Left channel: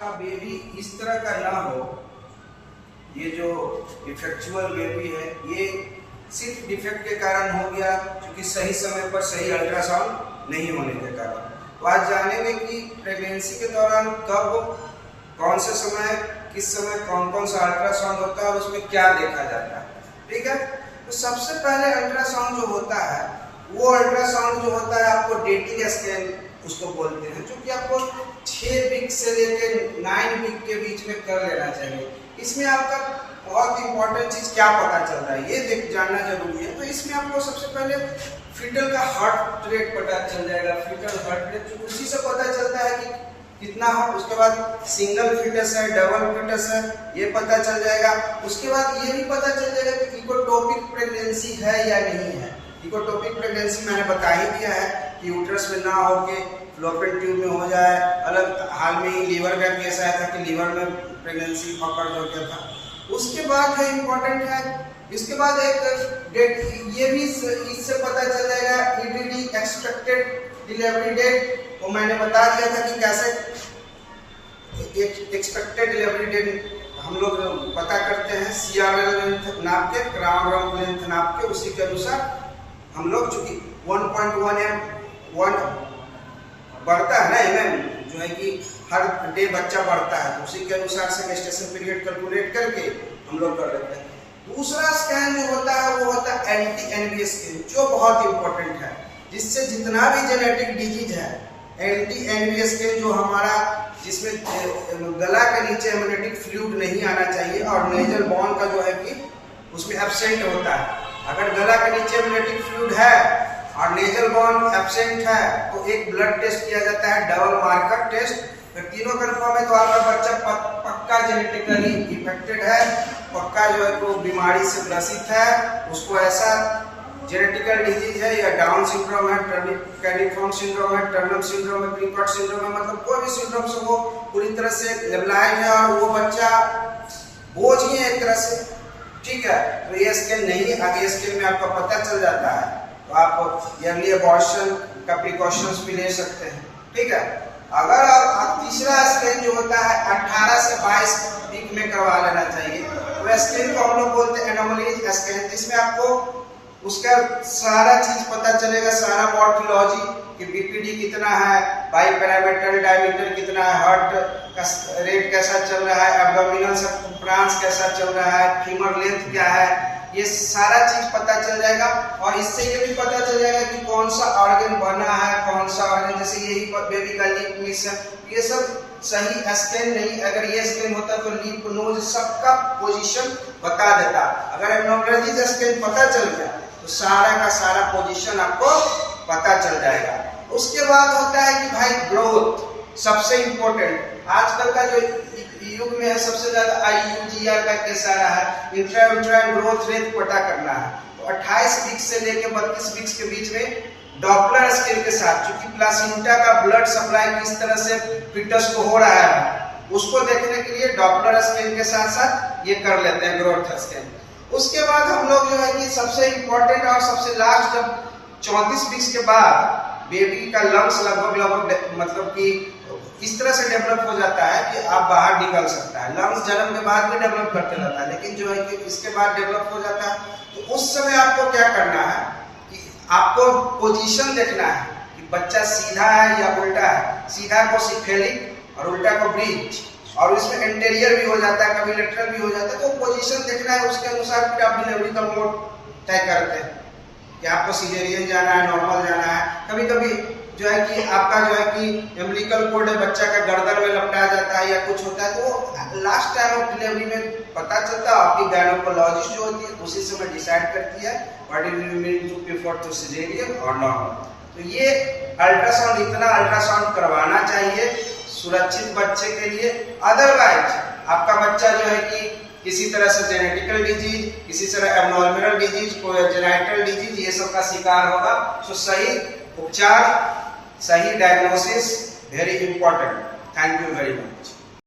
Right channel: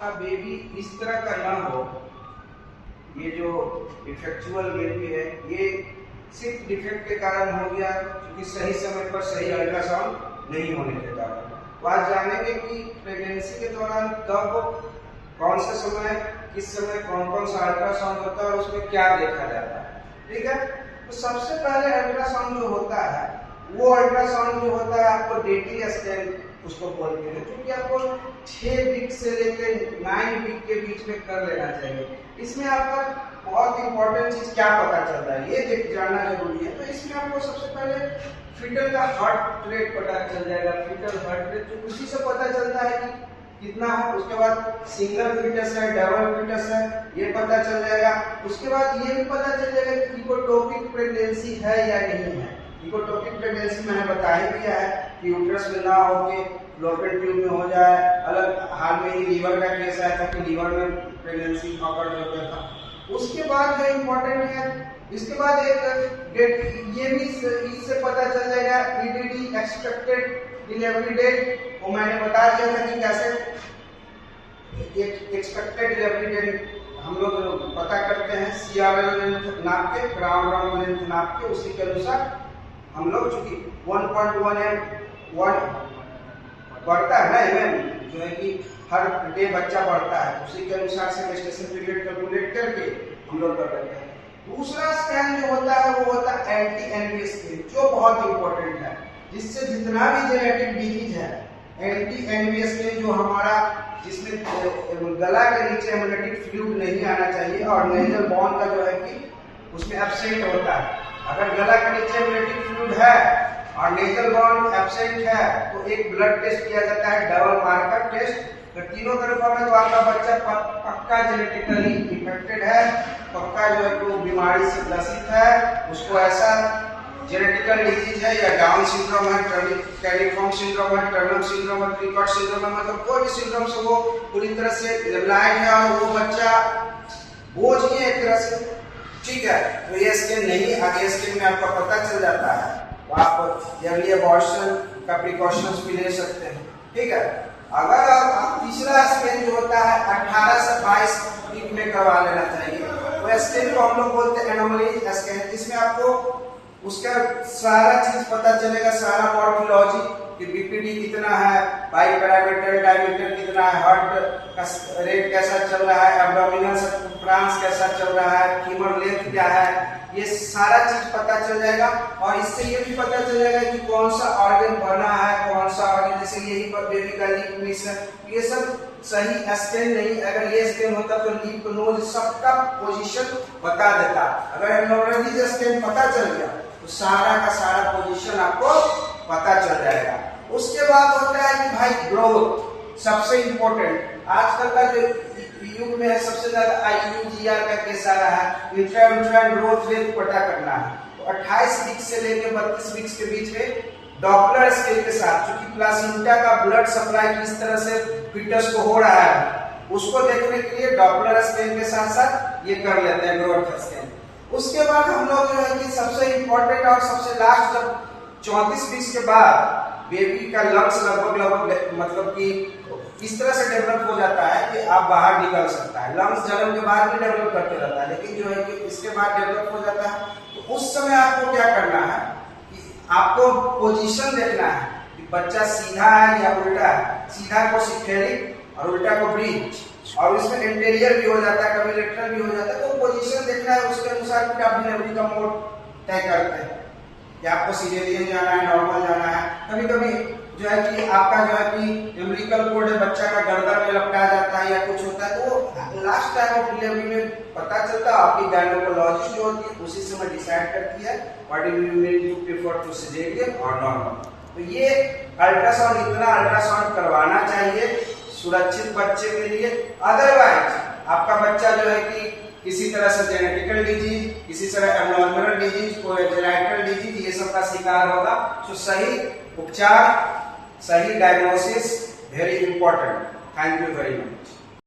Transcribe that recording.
का बेबी इस तरह का ना हो, ये जो इफेक्चुअल बेबी है ये सिर्फ डिफेक्ट के कारण हो गया, क्योंकि सही समय पर सही अल्ट्रासाउंड नहीं होने के कारण। तो आज जानेंगे कि प्रेगनेंसी के दौरान कब, कौन से समय, किस समय कौन कौन सा अल्ट्रासाउंड होता है और उसमें क्या देखा जाता है। ठीक है, तो सबसे पहले अल्ट्रासाउंड जो होता है वो अल्ट्रासाउंड जो होता है आपको डेटिंग स्कैन उसको बोलते हैं, जो कि आपको 6 वीक से लेकर 9 वीक के बीच में कर लेना चाहिए। इसमें आपका बहुत इंपॉर्टेंट चीज क्या पता चलता है ये जानना जरूरी है। तो इसमें आपको सबसे पहले फीटल का हार्ट रेट पता चल जाएगा, फीटल हार्ट रेट जो उसी से पता चलता है कि कितना है। उसके बाद सिंगल फीटस है, डबल फीटस है, ये पता चल जाएगा। उसके बाद ये भी पता चल जाएगा कि इकोटोपिक प्रेगनेंसी है या नहीं है। इकोटोपिक प्रेगनेंसी मैंने बता ही दिया है कि यूट्रस में ना होके फ्लोपियन ट्यूब में हो जाए। अलग हाल में ही लीवर का केस आया था कि लीवर में प्रेगनेंसी पकड़ हो गया था। उसके बाद जो इम्पोर्टेंट है, इसके बाद एक डेट ये भी इससे पता चल जाएगा ईडीडी एक्सपेक्टेड डिलीवरी डेट। वो मैंने बता दिया था कि कैसे एक्सपेक्टेड डिलीवरी डेट हम लोग पता करते हैं CRL लेंथ नाप के, क्राउन रन लेंथ नाप के। उसी के अनुसार हम लोग चूंकि 1.1 बढ़ता है ना mm, जो है कि हर डे बच्चा बढ़ता है, उसी के अनुसार से गेस्टेशन पीरियड कैलकुलेट करके हम लोग कर लेते हैं। दूसरा स्कैन जो होता है वो होता है एंटी-NBS स्कैन, जो बहुत इंपॉर्टेंट है, जिससे जितना भी जेनेटिक डिजीज है एंटी-NBS स्कैन जो हमारा, जिसमें गला के नीचे एमनियोटिक फ्लूइड नहीं आना चाहिए और नेजल बॉन का जो है कि उसमें एब्सेंट होता है। अगर गला के नीचे एमनियोटिक फ्लूइड है और नेजल बॉन एब्सेंट है तो एक ब्लड टेस्ट किया जाता है, डबल मार्कर टेस्ट। अगर तीनों कन्फर्म है तो आपका बच्चा पक्का जेनेटिकली इफेक्टेड है, पक्का जो है वो बीमारी से ग्रसित है, उसको ऐसा जेनेटिकल डिजीज है या डाउन सिंड्रोम है, कैनिफॉर्म सिंड्रोम है, टर्नर सिंड्रोम है, क्रिकट सिंड्रोम है, मतलब कोई भी सिंड्रोम से वो पूरी तरह से ब्लाइंड है और वो बच्चा बोझ ही है एक तरह से। ठीक है, तो ये स्कैन नहीं, आगे स्कैन में आपका पता चल जाता है, तो आप अर्ली अबॉर्शन का प्रिकॉशंस भी ले सकते हैं। ठीक है, अगर आप तीसरा स्कैन जो होता है 18 से 22 वीक में करवा लेना चाहिए। तो स्कैन को हम लोग बोलते हैं एनोमलीज स्कैन, जिसमें आपको उसका सारा चीज पता चलेगा, सारा मॉर्फोलॉजी कि बीपीडी कितना है, बाई पैरामीटर डायमीटर कितना है, हार्ट का रेट कैसा चल रहा है, एब्डोमिनल सर्कम्फ्रेंस कैसा चल रहा है, फीमर लेंथ क्या है, ये सारा चीज पता चल जाएगा। और इससे ये भी पता चल जाएगा कि कौन सा ऑर्गन बना है, कौन सा ऑर्गन, जैसे यही बेबी का लिप मिस है, ये सब सही स्कैन नहीं। अगर ये स्कैन होता तो लिप नोज सबका पोजीशन बता देता। अगर एब्नॉर्मलिटीज स्कैन पता चल गया तो सारा का सारा पोजीशन आपको पता चल जाएगा। उसके बाद होता है कि भाई ग्रोथ, सबसे इंपॉर्टेंट आजकल का जो युग में है, सबसे ज्यादा IUGR का केस आ रहा है, इंट्रा ग्रोथ रेट पता करना है। तो 28 वीक से लेकर 32 वीक के बीच में डॉपलर स्केल के साथ, चूंकि प्लासेंटा का ब्लड सप्लाई किस तरह से फीटस को हो रहा है उसको देखने के लिए डॉपलर स्कैन के साथ साथ ये कर लेते हैं ग्रोथ स्कैन। उसके बाद हम लोग जो है कि सबसे इंपॉर्टेंट और सबसे लास्ट, जब 34 वीक के बाद बेबी का लंग्स लगभग मतलब कि इस तरह से डेवलप हो जाता है कि आप बाहर निकल सकता है। लंग्स जन्म के बाद भी डेवलप करते रहता है, लेकिन जो है कि इसके बाद डेवलप हो जाता है। तो उस समय आपको क्या करना है कि आपको पोजीशन देखना है कि बच्चा सीधा है या उल्टा है। सीधा को सिफेलिक और उल्टा को ब्रिज, और इसमें एंटेरियर भी हो जाता है, कभी लेटरल भी हो जाता है। तो पोजीशन देखना है, उसके अनुसार फिर आप डिलीवरी का मोड तय करते हैं कि आपको सिजेरियन जाना है, नॉर्मल जाना है। कभी कभी जो है कि आपका जो है कि एम्ब्लिकल कोड है, बच्चा का गर्दन में लपटा जाता है या कुछ होता है, तो लास्ट टाइम ऑफ डिलीवरी में पता चलता है। आपकी गायनोकोलॉजिस्ट जो होती है उसी समय डिसाइड करती है what do you mean to prefer to caesarean और नॉर्मल। तो ये अल्ट्रासाउंड, इतना अल्ट्रासाउंड करवाना चाहिए सुरक्षित बच्चे के लिए। अदरवाइज आपका बच्चा जो है कि किसी तरह से जेनेटिकल डिजीज, किसी तरह एब्नॉर्मल डिजीज, कोई जेनेटिकल डिजीज, ये सब का शिकार होगा। तो सही उपचार, सही diagnosis very important. Thank you very much.